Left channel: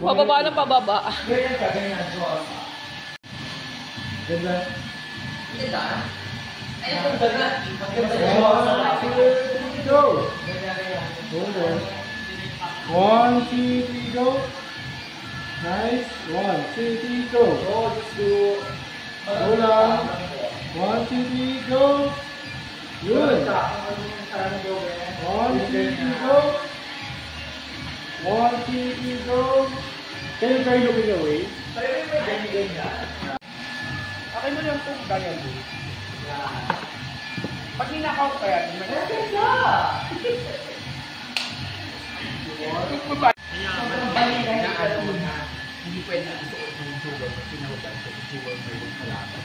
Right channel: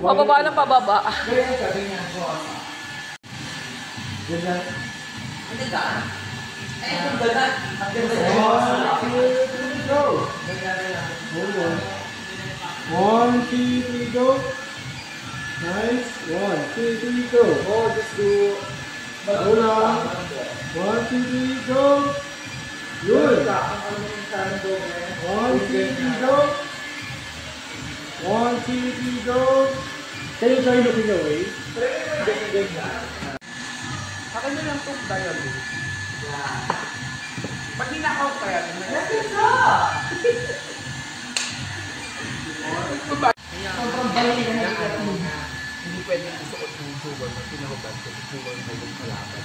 Pababa ng pababa. Ganyan ka, ganyan. Ganda. Hindi ka. Ay, ang ganda. Ang ganda. 1, 2, 3, go! Hold on. 1, 2, 3, go! Nice. 1, 2, 3, go! Oh, just do... Hold on. 1, 2, 3, go! Yun! 1, 2, 3, go! 1, 2, 3, go! Can you try looking away? Try mo yung ganyan-ganyan. Akin na lang itong dialogue. Yan. Pag ninakaw ka yan, may Ganda! Sobrang balik na yung hindi pwedeng isuot yung sugar mo, pinahubad ko yung sugar mo yung kalaban.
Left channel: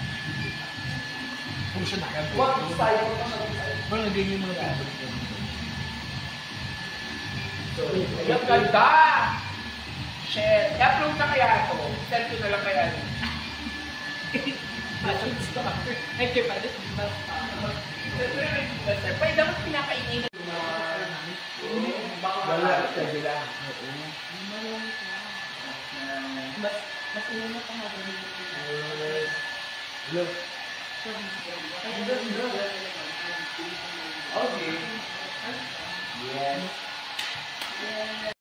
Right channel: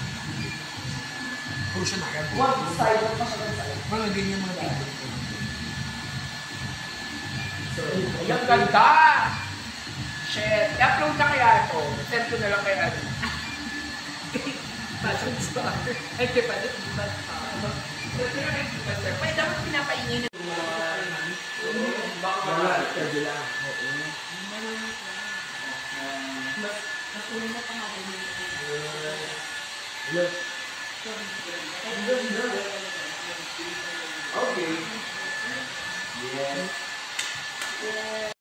Puro siya nakagod. What style mo pa siya? Mga ganyan mga favorite ko. Ayan, ganda! Shit! I-upload na kaya ito. Send ko na lang kaya ito. Fashion star. Ay, kaya pala, diba? Pwede dapat pinapaingay na. Wala, pwede lang. Mas ulo na pangalan Look. Okay. Yeah.